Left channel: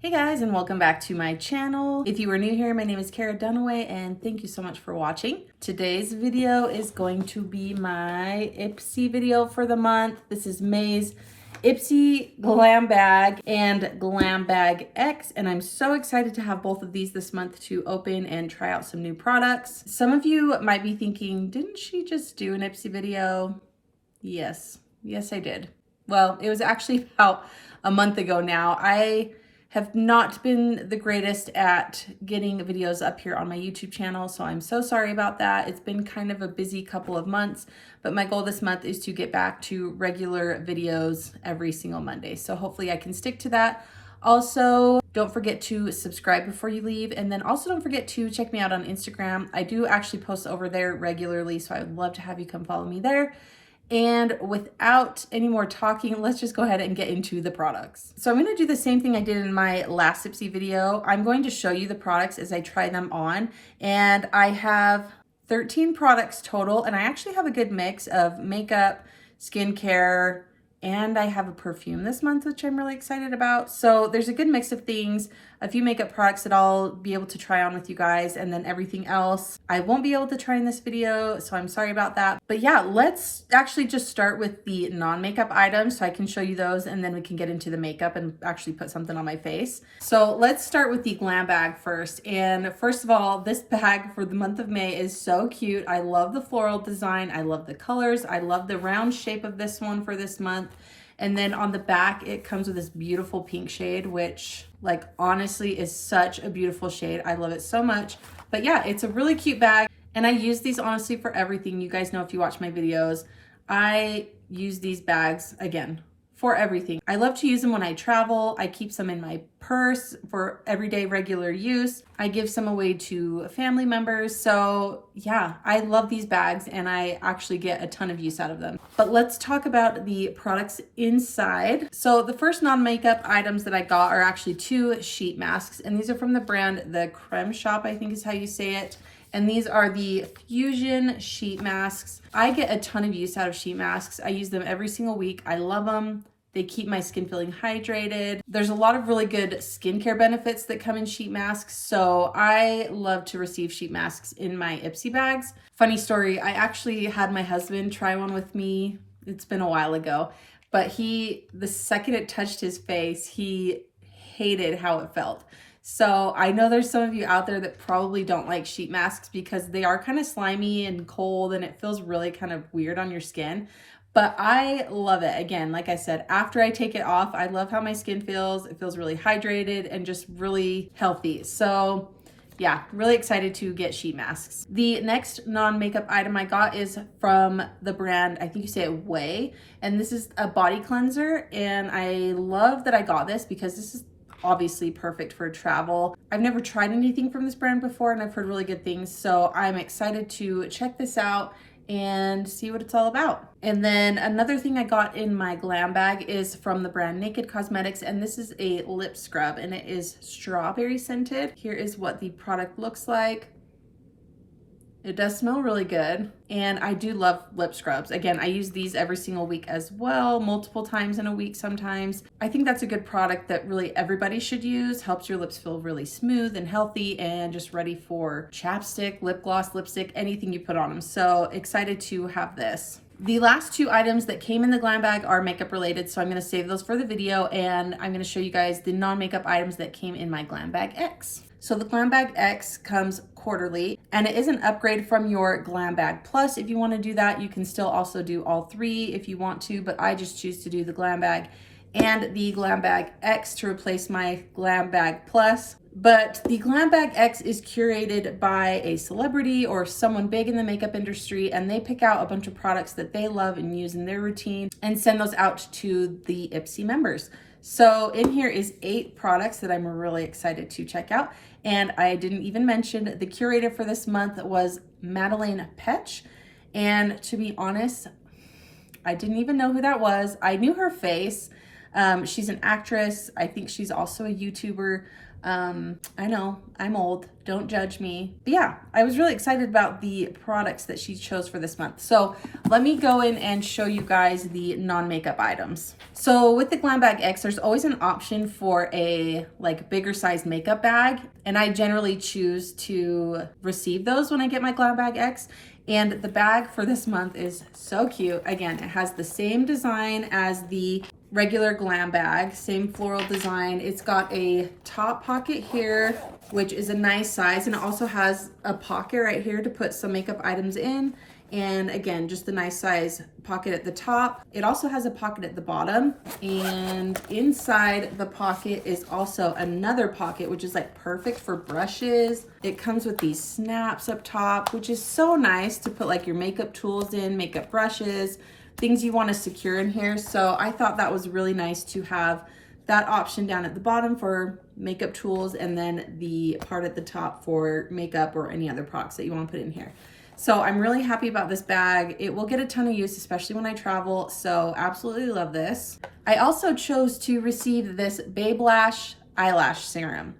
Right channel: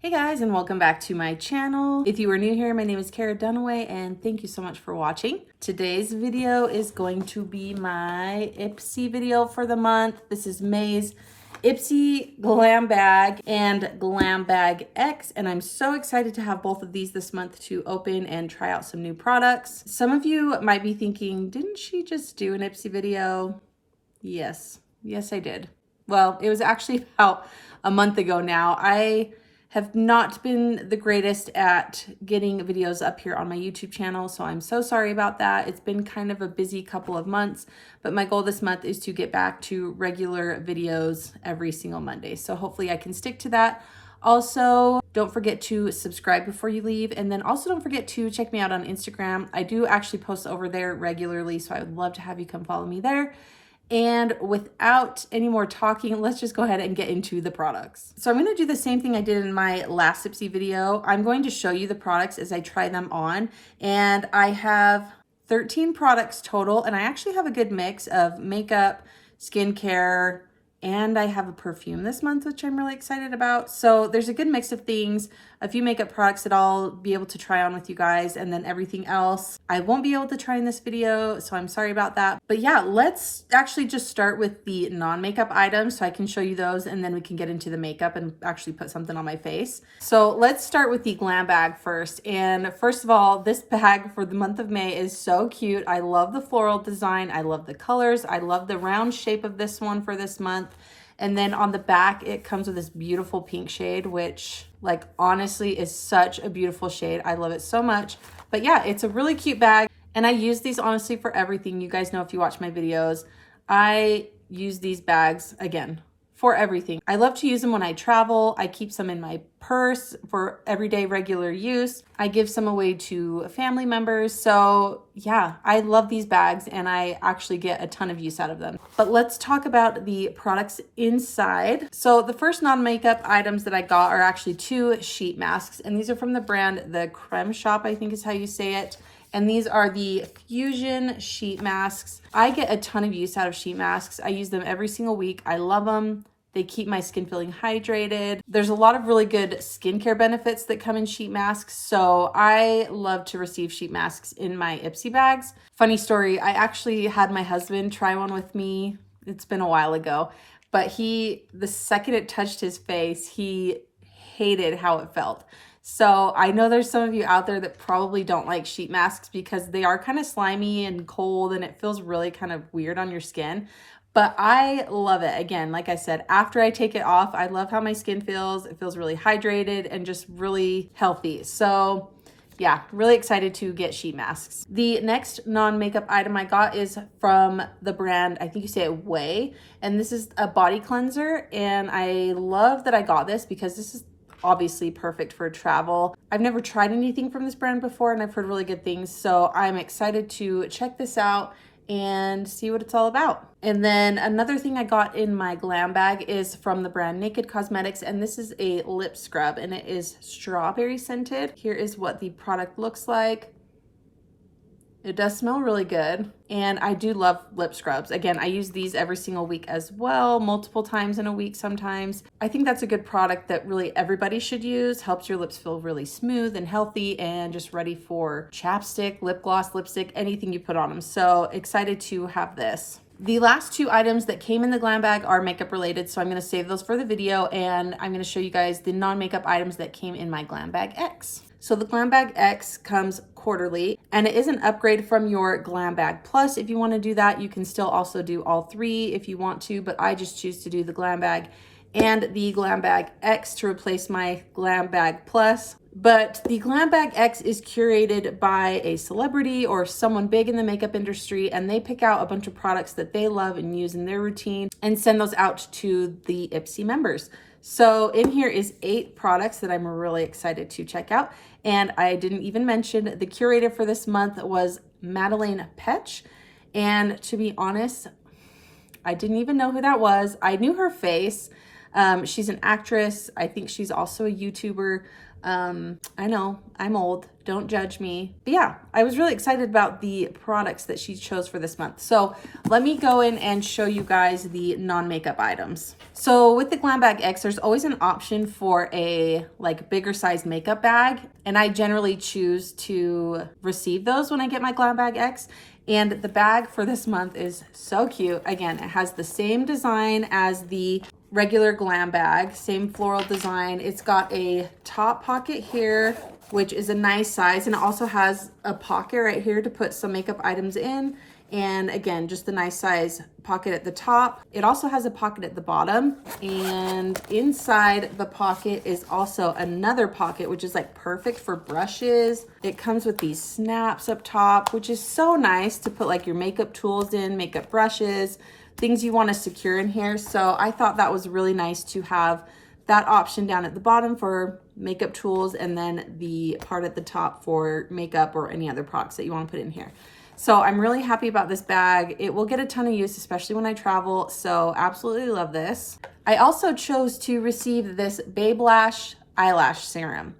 Hey guys, and welcome back to my channel. If you are new here, my name is Cara Dunaway and thank you so much for watching. Today's video is going to be my IPSY video for the month. This is May's IPSY Glam Bag and Glam Bag X, and I'm so excited to have both of these this month to open and try out some new products. Some of you might be thinking, didn't she just do an IPSY video? Yes, I did. Well, it was actually about a month ago now. I have not been the greatest at getting videos up here on my YouTube channel, so I'm so sorry about that. It's been kind of a busy couple of months, but my goal this month is to get back to regular videos every single Monday. So hopefully I can stick to that. Also, don't forget to subscribe before you leave, and then also don't forget to check me out on Instagram. I do actually post over there regularly, so I would love to have you come follow me there. And without any more talking, let's just go ahead and get into the products. So I'm going to do the same thing I did in my last IPSY video. I'm going to show you the products as I try them on. And I have 13 products total, and I actually have a good mix of makeup, skincare, and I have a perfume this month, which I'm really excited about. So there's a good mix of things, a few makeup products that I'll be able to try on with you guys, and then everything else I won't be able to try in this video, so I'm sorry about that. But yeah, let's actually just start with the non-makeup items so I can show you those, and then we can get into the makeup and actually put something on my face. So let's start with the Glam Bag first. And first of all, this bag for the month of May is so cute. I love the floral design. I love the colors. I love the round shape of this one for this month. And then on the back, it comes with this beautiful pink shade, which like honestly is such a beautiful shade. I love it so much. But yeah, it's a really cute bag. And I use these honestly for everything. You guys know if you watch my videos, I use these bags again for everything. I love to use them when I travel. I keep some in my purse for everyday regular use. I give some away to family members. So yeah, I love these bags and I actually get a ton of use out of them. But let's talk about the products inside. So the first non-makeup items that I got are actually 2 sheet masks, and these are from the brand The Creme Shop, I think is how you say it. And these are the Fusion sheet masks. I get a ton of use out of sheet masks. I use them every single week. I love them. They keep my skin feeling hydrated. There's a lot of really good skincare benefits that come in sheet masks. So I love to receive sheet masks in my IPSY bags. Funny story, I actually had my husband try one with me. It's been a while ago, but the second it touched his face, he hated how it felt. So I know there's some of you out there that probably don't like sheet masks because they are kind of slimy and cold and it feels really kind of weird on your skin. But I love it. Again, like I said, after I take it off, I love how my skin feels. It feels really hydrated and just really healthy. So yeah, really excited to get sheet masks. The next non-makeup item I got is from the brand, I think you say it Way, and this is a body cleanser. And I love that I got this because this is obviously perfect for travel. I've never tried anything from this brand before and I've heard really good things, so I'm excited to check this out and see what it's all about. And then another thing I got in my Glam Bag is from the brand Naked Cosmetics, and this is a lip scrub and it is strawberry scented. Here is what the product looks like. It does smell really good, and I do love lip scrubs. Again, I use these every single week as well, multiple times in a week sometimes. I think that's a good product that really everybody should use. Helps your lips feel really smooth and healthy and just ready for chapstick, lip gloss, lipstick, anything you put on them. So excited to have this. The last 2 items that came in the Glam Bag are makeup related, so I'm going to save those for the video, and I'm going to show you guys the non-makeup items that came in my Glam Bag X. So the Glam Bag X comes quarterly, and it is an upgrade from your Glam Bag Plus. If you want to do that, you can still also do all 3 if you want to, but I just choose to do the Glam Bag and the Glam Bag X to replace my Glam Bag Plus. But the Glam Bag X is curated by a celebrity or someone big in the makeup industry, and they pick out a bunch of products that they love and use in their routine and send those out to the IPSY members. So in here is 8 products that I'm really excited to check out. And I didn't even mention the curator for this month was Madeleine Petsch. And to be honest, I didn't even know who that was. I knew her face. She's an actress. I think she's also a YouTuber. I know I'm old, don't judge me. But yeah, I was really excited about the products that she chose for this month. So let me go in and show you guys the non-makeup items. So with the Glam Bag X, there's always an option for a like bigger size makeup bag. And I generally choose to receive those when I get my Glam Bag X. And the bag for this month is so cute. Again, it has the same design as the regular Glam bag, same floral design. It's got a top pocket here, which is a nice size, and it also has a pocket right here to put some makeup items in. And again, just a nice size pocket at the top. It also has a pocket at the bottom, and inside the pocket is also another pocket, which is like perfect for brushes. It comes with these snaps up top, which is so nice to put like your makeup tools in, makeup brushes, things you want to secure in here. So I thought that was really nice to have that option down at the bottom for makeup tools, and then the part at the top for makeup or any other products that you want to put in here. So I'm really happy about this bag. It will get a ton of use, especially when I travel. So absolutely love this. I also chose to receive this Babe Lash eyelash serum.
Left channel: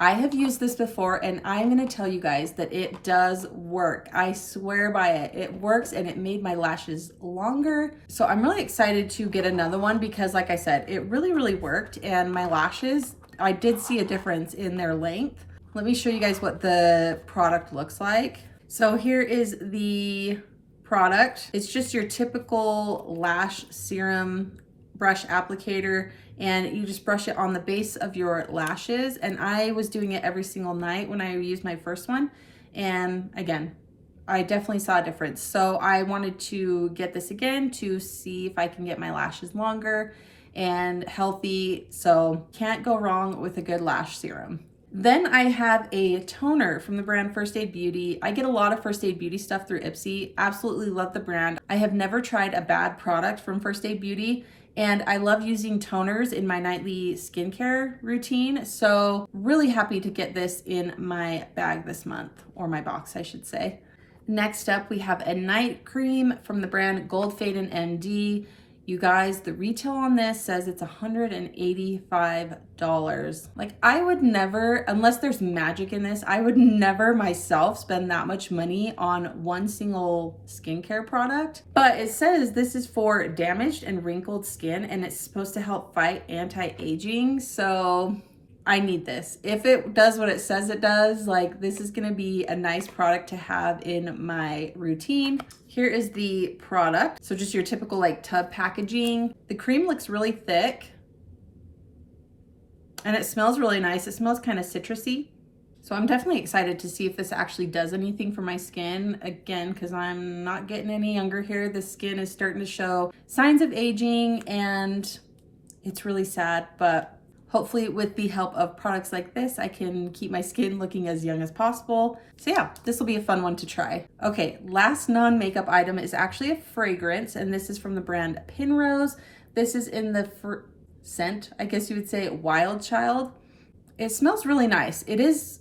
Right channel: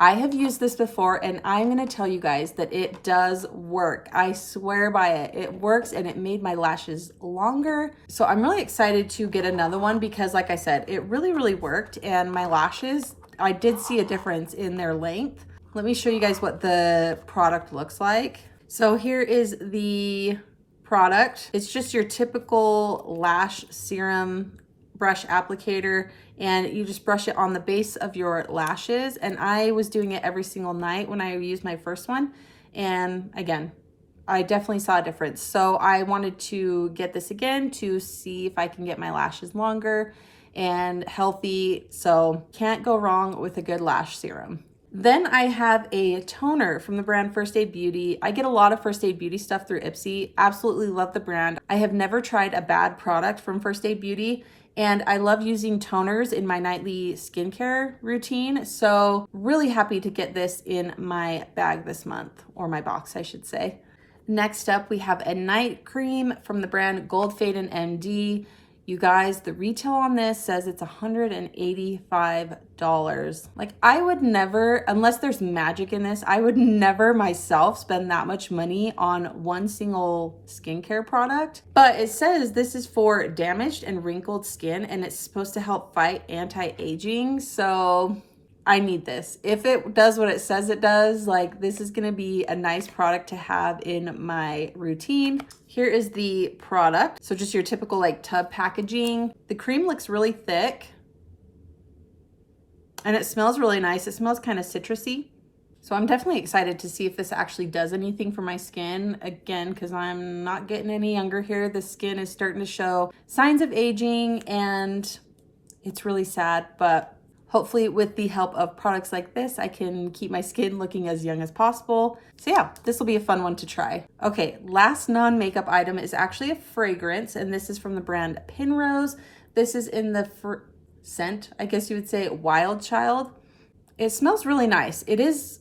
I have used this before, and I'm gonna tell you guys that it does work. I swear by it. It works, and it made my lashes longer. So I'm really excited to get another one because like I said, it really worked, and my lashes, I did see a difference in their length. Let me show you guys what the product looks like. So here is the product. It's just your typical lash serum brush applicator, and you just brush it on the base of your lashes. And I was doing it every single night when I used my first one. And again, I definitely saw a difference. So I wanted to get this again to see if I can get my lashes longer and healthy. So can't go wrong with a good lash serum. Then I have a toner from the brand First Aid Beauty. I get a lot of First Aid Beauty stuff through IPSY. Absolutely love the brand. I have never tried a bad product from First Aid Beauty, and I love using toners in my nightly skincare routine. So really happy to get this in my bag this month, or my box, I should say. Next up, we have a night cream from the brand Gold Fade and MD. You guys, the retail on this says it's $185. Like, I would never, unless there's magic in this, I would never myself spend that much money on one single skincare product. But it says this is for damaged and wrinkled skin, and it's supposed to help fight anti-aging. So I need this. If it does what it says it does, like, this is gonna be a nice product to have in my routine. Here is the product. So just your typical like tub packaging. The cream looks really thick, and it smells really nice. It smells kind of citrusy. So I'm definitely excited to see if this actually does anything for my skin. Again, because I'm not getting any younger here. The skin is starting to show signs of aging, and it's really sad, but hopefully with the help of products like this, I can keep my skin looking as young as possible. So yeah, this will be a fun one to try. Okay, last non-makeup item is actually a fragrance, and this is from the brand Penrose. This is in the scent, I guess you would say, Wild Child. It smells really nice. It is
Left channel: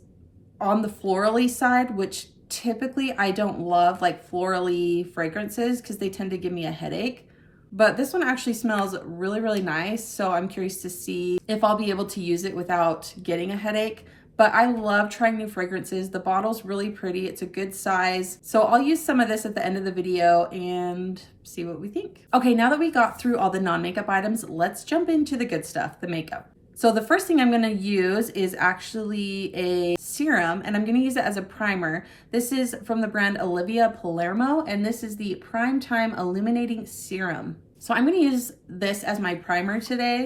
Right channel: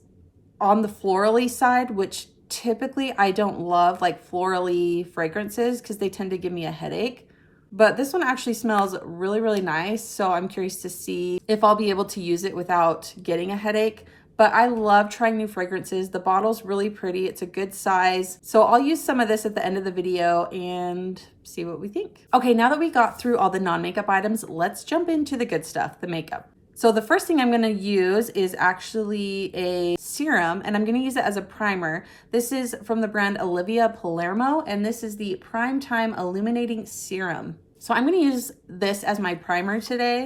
on the florally side, which typically I don't love, like florally fragrances, because they tend to give me a headache. But this one actually smells really nice. So I'm curious to see if I'll be able to use it without getting a headache. But I love trying new fragrances. The bottle's really pretty. It's a good size. So I'll use some of this at the end of the video and see what we think. Okay, now that we got through all the non-makeup items, let's jump into the good stuff, the makeup. So the first thing I'm gonna use is actually a serum, and I'm gonna use it as a primer. This is from the brand OLIVIA Palermo, and this is the Prime Time Illuminating Serum. So I'm gonna use this as my primer today,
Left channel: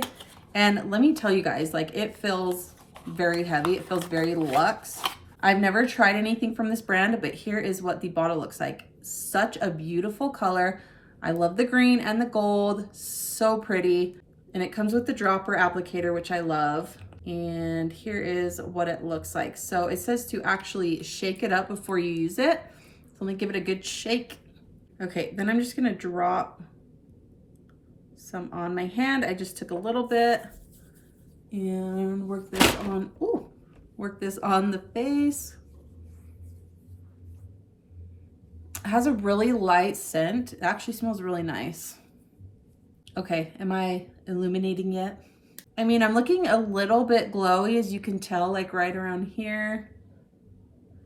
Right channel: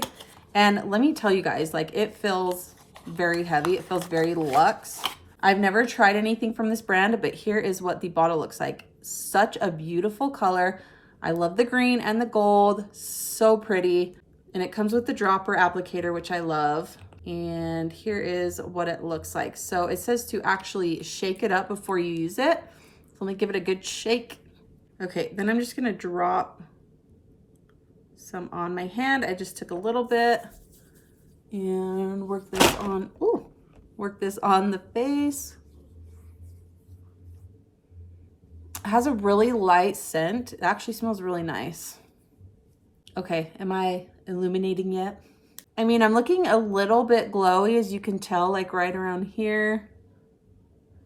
and let me tell you guys, like, it feels very heavy. It feels very luxe. I've never tried anything from this brand, but here is what the bottle looks like. Such a beautiful color. I love the green and the gold, so pretty. And it comes with the dropper applicator, which I love. And here is what it looks like. So it says to actually shake it up before you use it. So let me give it a good shake. Okay, then I'm just gonna drop some on my hand. I just took a little bit and work this on, work this on the face. It has a really light scent. It actually smells really nice. Okay, am I illuminating yet. I mean, I'm looking a little bit glowy, as you can tell, like right around here.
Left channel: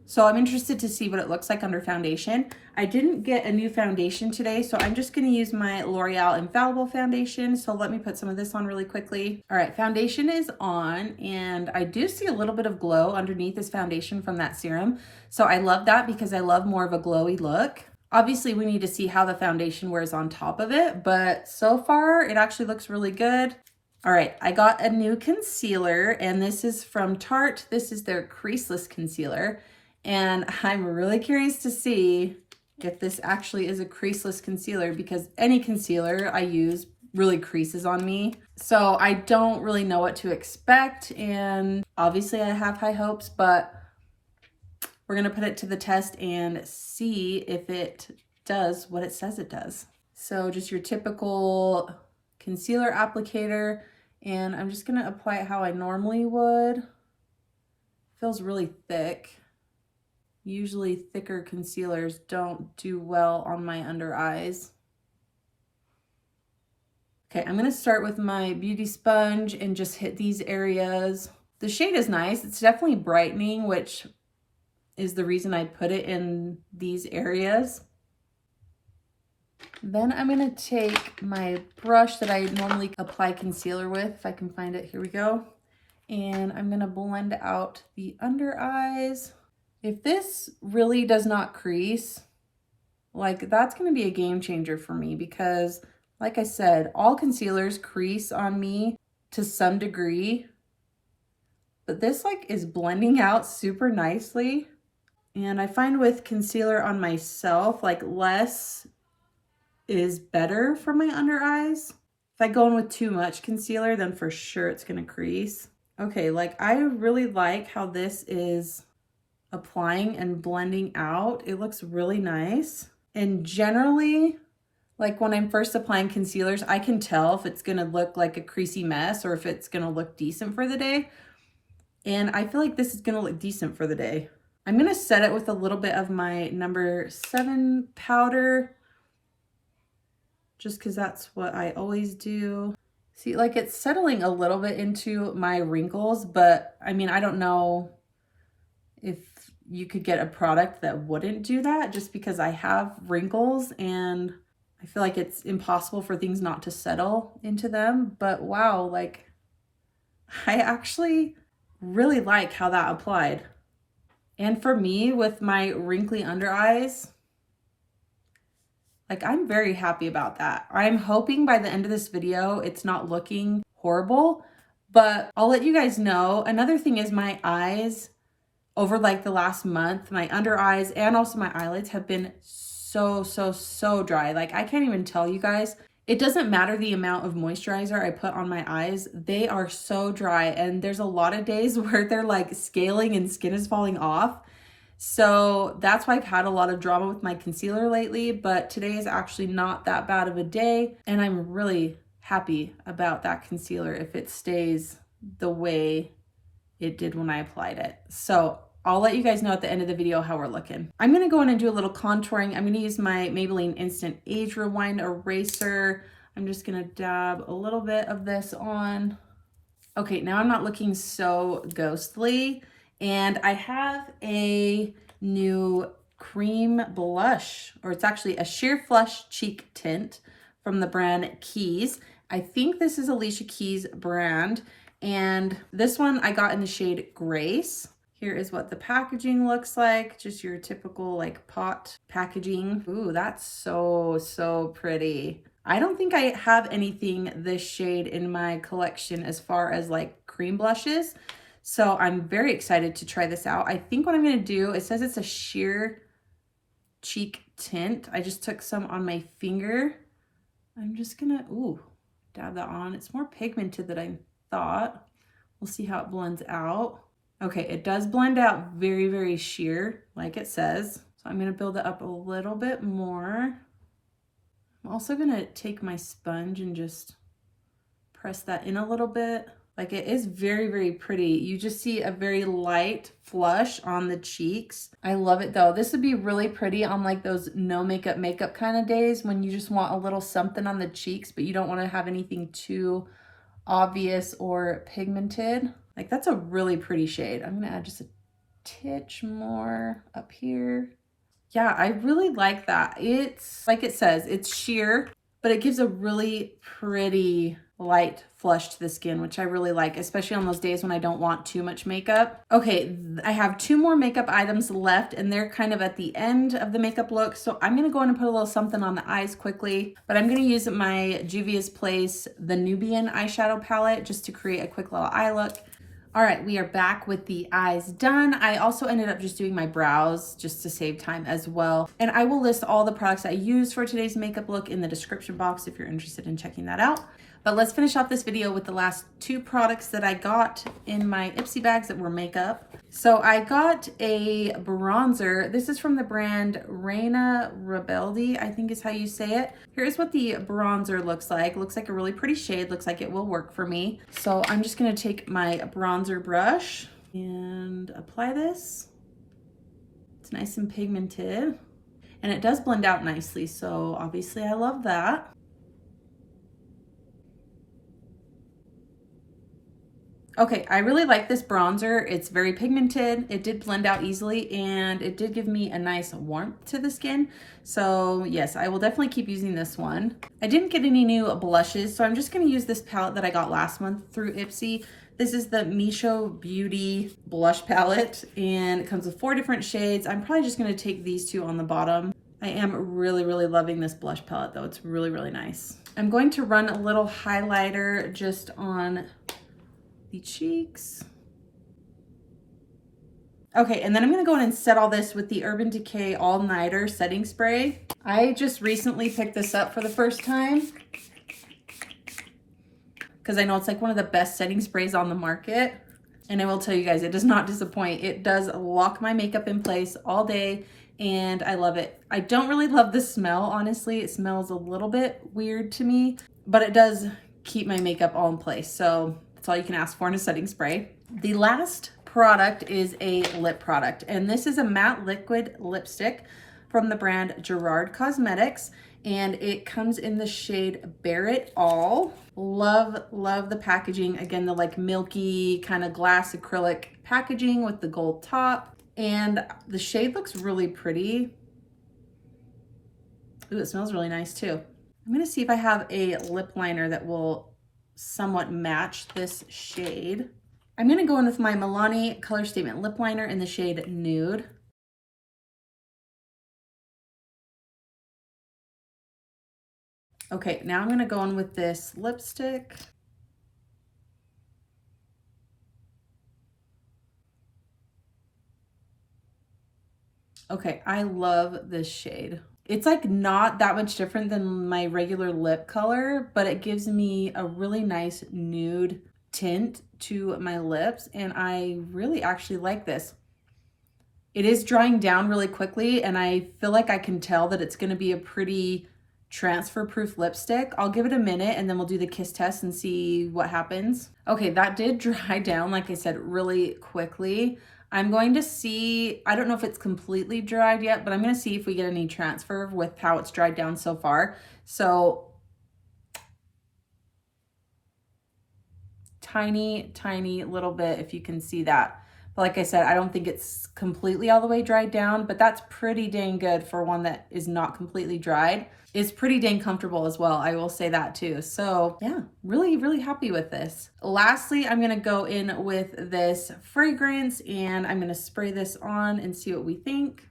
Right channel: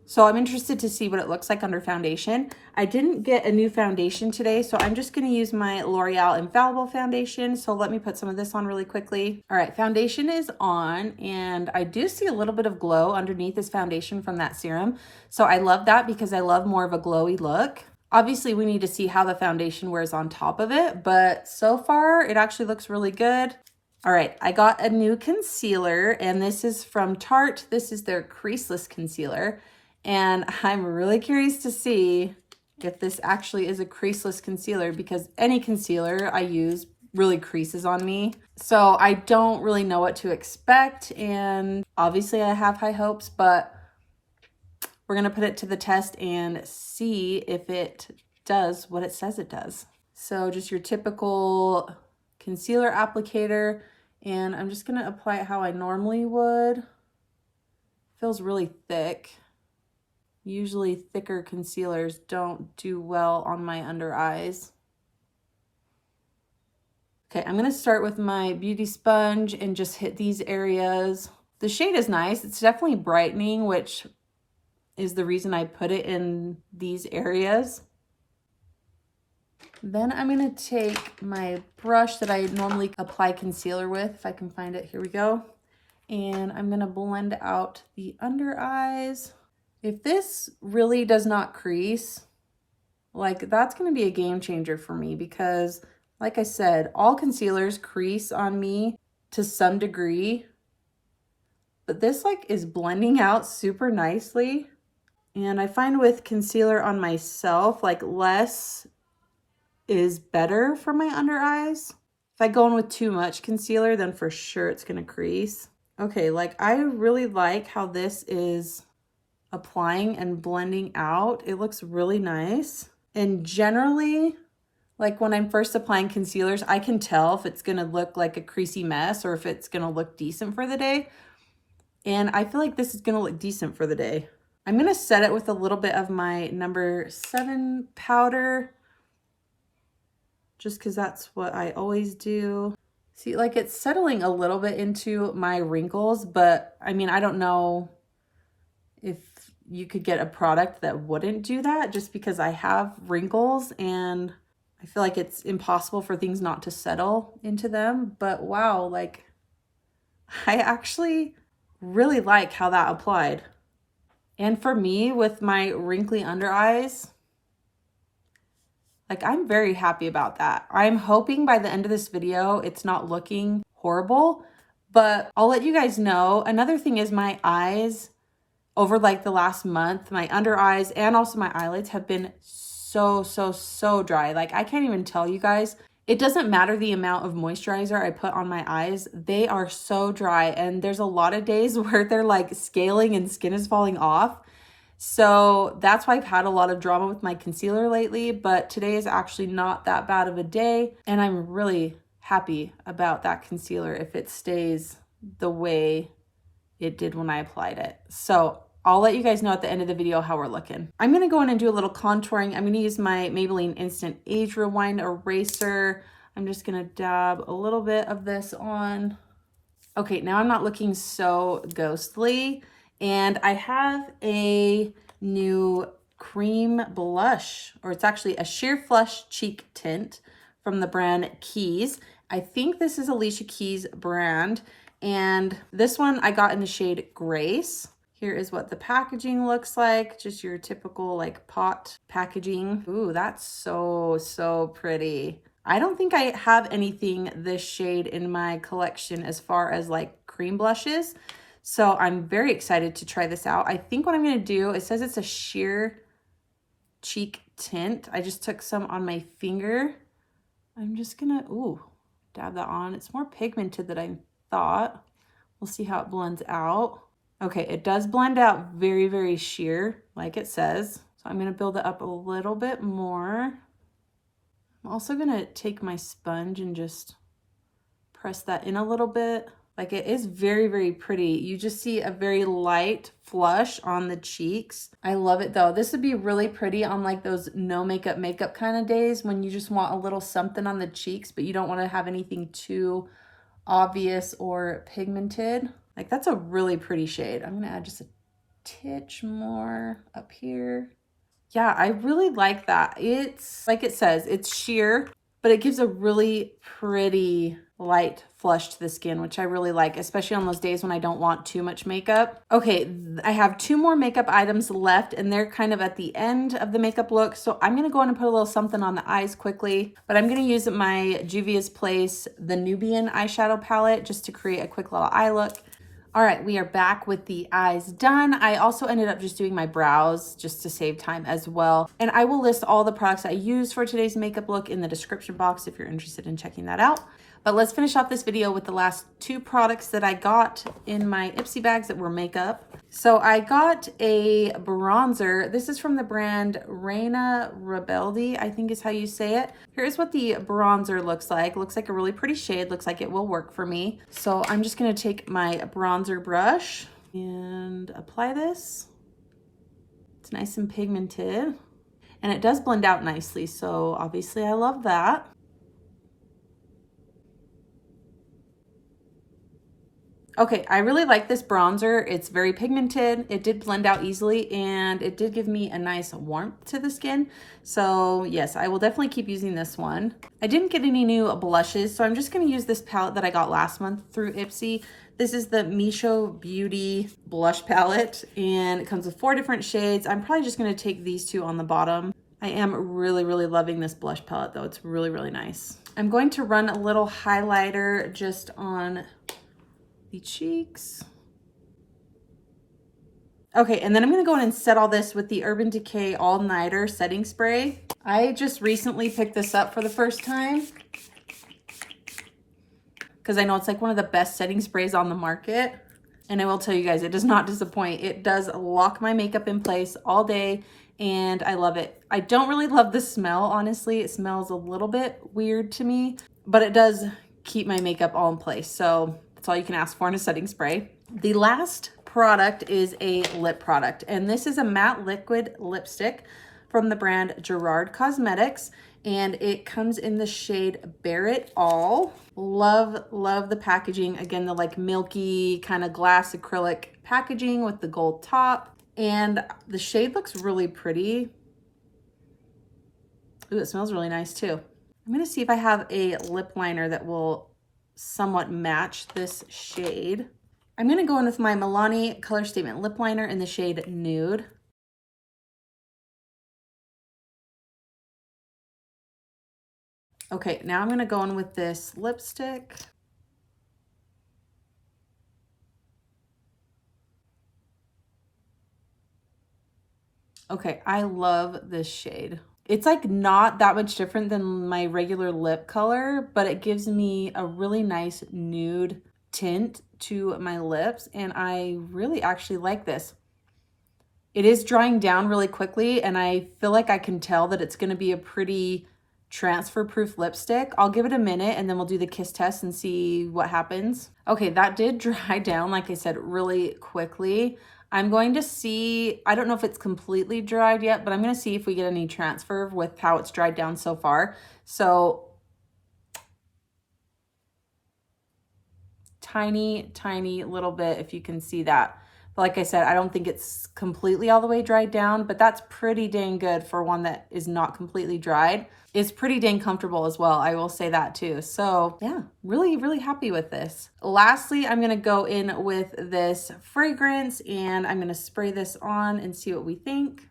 So I'm interested to see what it looks like under foundation. I didn't get a new foundation today, so I'm just gonna use my L'Oreal Infallible foundation. So let me put some of this on really quickly. All right, foundation is on, and I do see a little bit of glow underneath this foundation from that serum. So I love that because I love more of a glowy look. Obviously, we need to see how the foundation wears on top of it, but so far it actually looks really good. All right, I got a new concealer, and this is from Tarte. This is their Creaseless concealer, and I'm really curious to see if this actually is a creaseless concealer, because any concealer I use really creases on me. So I don't really know what to expect, and obviously I have high hopes, but we're gonna put it to the test and see if it does what it says it does. So just your typical concealer applicator, and I'm just gonna apply it how I normally would. Feels really thick. Usually thicker concealers don't do well on my under eyes. Okay, I'm gonna start with my beauty sponge and just hit these areas. The shade is nice. It's definitely brightening, which is the reason I put it in these areas. Then I'm gonna take my brush that I normally apply concealer with, if I can find it, here we go. And I'm gonna blend out the under eyes. If this really does not crease, like that's gonna be a game changer for me, because like I said, all concealers crease on me to some degree, but this like is blending out super nicely. And I find with concealer on myself, like less is better for my under eyes. If I go in with too much concealer, then for sure it's gonna crease. Okay, like I really like how this is applying and blending out. It looks really nice. And generally, like when I'm first applying concealers, I can tell if it's gonna look like a creasy mess or if it's gonna look decent for the day. And I feel like this is gonna look decent for the day. I'm gonna set it with a little bit of my number 7 powder, just because that's what I always do. See, like it's settling a little bit into my wrinkles, but I mean, I don't know if you could get a product that wouldn't do that, just because I have wrinkles and I feel like it's impossible for things not to settle into them. But wow, like I actually really like how that applied. And for me, with my wrinkly under eyes, like I'm very happy about that. I'm hoping by the end of this video, it's not looking horrible, but I'll let you guys know. Another thing is my eyes over like the last month, my under eyes and also my eyelids have been so dry. Like I can't even tell you guys. It doesn't matter the amount of moisturizer I put on my eyes. They are so dry, and there's a lot of days where they're like scaling and skin is falling off. So that's why I've had a lot of drama with my concealer lately, but today is actually not that bad of a day. And I'm really happy about that concealer if it stays the way it did when I applied it. So I'll let you guys know at the end of the video how we're looking. I'm gonna go in and do a little contouring. I'm gonna use my Maybelline Instant Age Rewind Eraser. I'm just gonna dab a little bit of this on. Okay, now I'm not looking so ghostly. And I have a new cream blush, or it's actually a sheer flush cheek tint from the brand Keys. I think this is Alicia Keys brand. And this one I got in the shade Grace. Here is what the packaging looks like. Just your typical like pot packaging. Ooh, that's so pretty. I don't think I have anything this shade in my collection as far as like cream blushes. So I'm very excited to try this out. I think what I'm gonna do, it says it's a sheer cheek tint. I just took some on my finger. I'm just gonna, ooh, dab that on. It's more pigmented than I thought. We'll see how it blends out. Okay, it does blend out very sheer, like it says. So I'm gonna build it up a little bit more. I'm also gonna take my sponge and just press that in a little bit. Like it is very, very pretty. You just see a very light flush on the cheeks. I love it though. This would be really pretty on like those no makeup kind of days when you just want a little something on the cheeks, but you don't want to have anything too obvious or pigmented. Like that's a really pretty shade. I'm gonna add just a titch more up here. Yeah, I really like that. It's like it says, it's sheer, but it gives a really pretty light flush to the skin, which I really like, especially on those days when I don't want too much makeup. Okay, I have 2 more makeup items left and they're kind of at the end of the makeup look. So I'm gonna go in and put a little something on the eyes quickly, but I'm gonna use my Juvia's Place, the Nubian eyeshadow palette, just to create a quick little eye look. All right, we are back with the eyes done. I also ended up just doing my brows just to save time as well. And I will list all the products I used for today's makeup look in the description box if you're interested in checking that out. But let's finish off this video with the last 2 products that I got in my IPSY bags that were makeup. So I got a bronzer. This is from the brand REINA REBELDE, I think is how you say it. Here's what the bronzer looks like. Looks like a really pretty shade. Looks like it will work for me. So I'm just gonna take my bronzer brush and apply this. It's nice and pigmented. And it does blend out nicely, so obviously I love that. Okay, I really like this bronzer. It's very pigmented. It did blend out easily and it did give me a nice warmth to the skin. So yes, I will definitely keep using this one. I didn't get any new blushes, so I'm just gonna use this palette that I got last month through IPSY. This is the MISCHO Beauty Blush Palette and it comes with 4 different shades. I'm probably just gonna take these 2 on the bottom. I am really, really loving this blush palette though. It's really, really nice. I'm going to run a little highlighter just on the cheeks. Okay, and then I'm gonna go in and set all this with the Urban Decay All Nighter Setting Spray. I just recently picked this up for the first time because I know it's like one of the best setting sprays on the market. And I will tell you guys, it does not disappoint. It does lock my makeup in place all day and I love it. I don't really love the smell, honestly. It smells a little bit weird to me, but it does keep my makeup all in place. So that's all you can ask for in a setting spray. The last product is a lip product, and this is a matte liquid lipstick from the brand GERARD Cosmetics, and it comes in the shade Bear It All. Love, love the packaging. Again, the like milky kind of glass acrylic packaging with the gold top, and the shade looks really pretty. Ooh, it smells really nice too. I'm gonna see if I have a lip liner that will somewhat match this shade. I'm gonna go in with my MILANI Colorstatement lip liner in the shade Nude. Okay, now I'm gonna go in with this lipstick. Okay, I love this shade. It's like not that much different than my regular lip color, but it gives me a really nice nude tint to my lips, and I really actually like this. It is drying down really quickly, and I feel like I can tell that it's gonna be a pretty transfer proof lipstick. I'll give it a minute and then we'll do the kiss test and see what happens. Okay, that did dry down, like I said, really quickly. I'm going to see, I don't know if it's completely dried yet, but I'm going to see if we get any transfer with how it's dried down so far. So tiny, tiny little bit, if you can see that. But like I said, I don't think it's completely all the way dried down, but that's pretty dang good for one that is not completely dried. It's pretty dang comfortable as well, I will say that too. So yeah, really, really happy with this. Lastly, I'm gonna go in with this fragrance and I'm gonna spray this on and see what we think.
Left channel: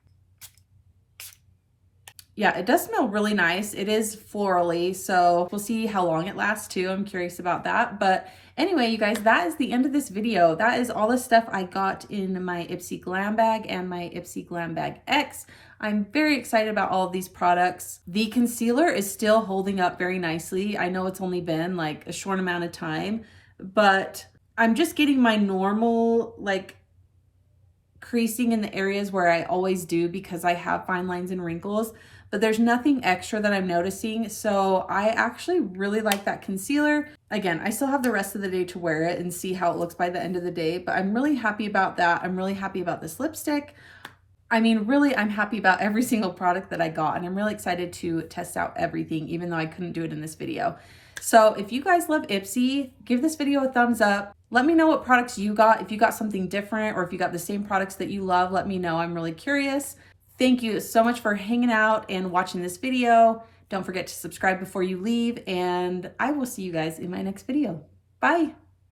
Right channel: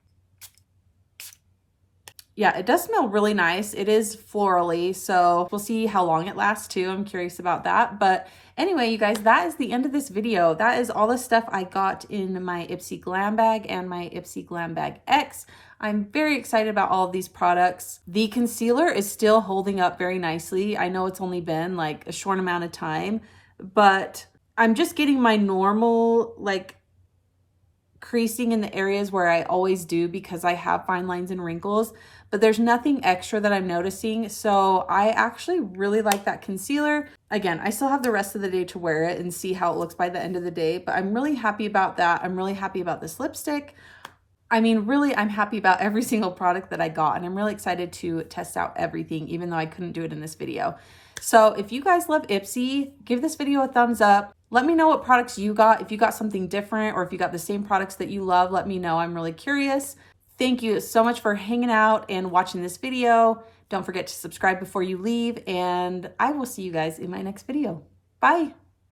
Yeah, it does smell really nice. It is florally, so we'll see how long it lasts too. I'm curious about that. But anyway, you guys, that is the end of this video. That is all the stuff I got in my IPSY Glam Bag and my IPSY Glam Bag X. I'm very excited about all of these products. The concealer is still holding up very nicely. I know it's only been like a short amount of time, but I'm just getting my normal like creasing in the areas where I always do because I have fine lines and wrinkles, but there's nothing extra that I'm noticing. So I actually really like that concealer. Again, I still have the rest of the day to wear it and see how it looks by the end of the day, but I'm really happy about that. I'm really happy about this lipstick. I mean, really, I'm happy about every single product that I got, and I'm really excited to test out everything, even though I couldn't do it in this video. So if you guys love IPSY, give this video a thumbs up. Let me know what products you got. If you got something different or if you got the same products that you love, let me know. I'm really curious. Thank you so much for hanging out and watching this video. Don't forget to subscribe before you leave, and I will see you guys in my next video. Bye.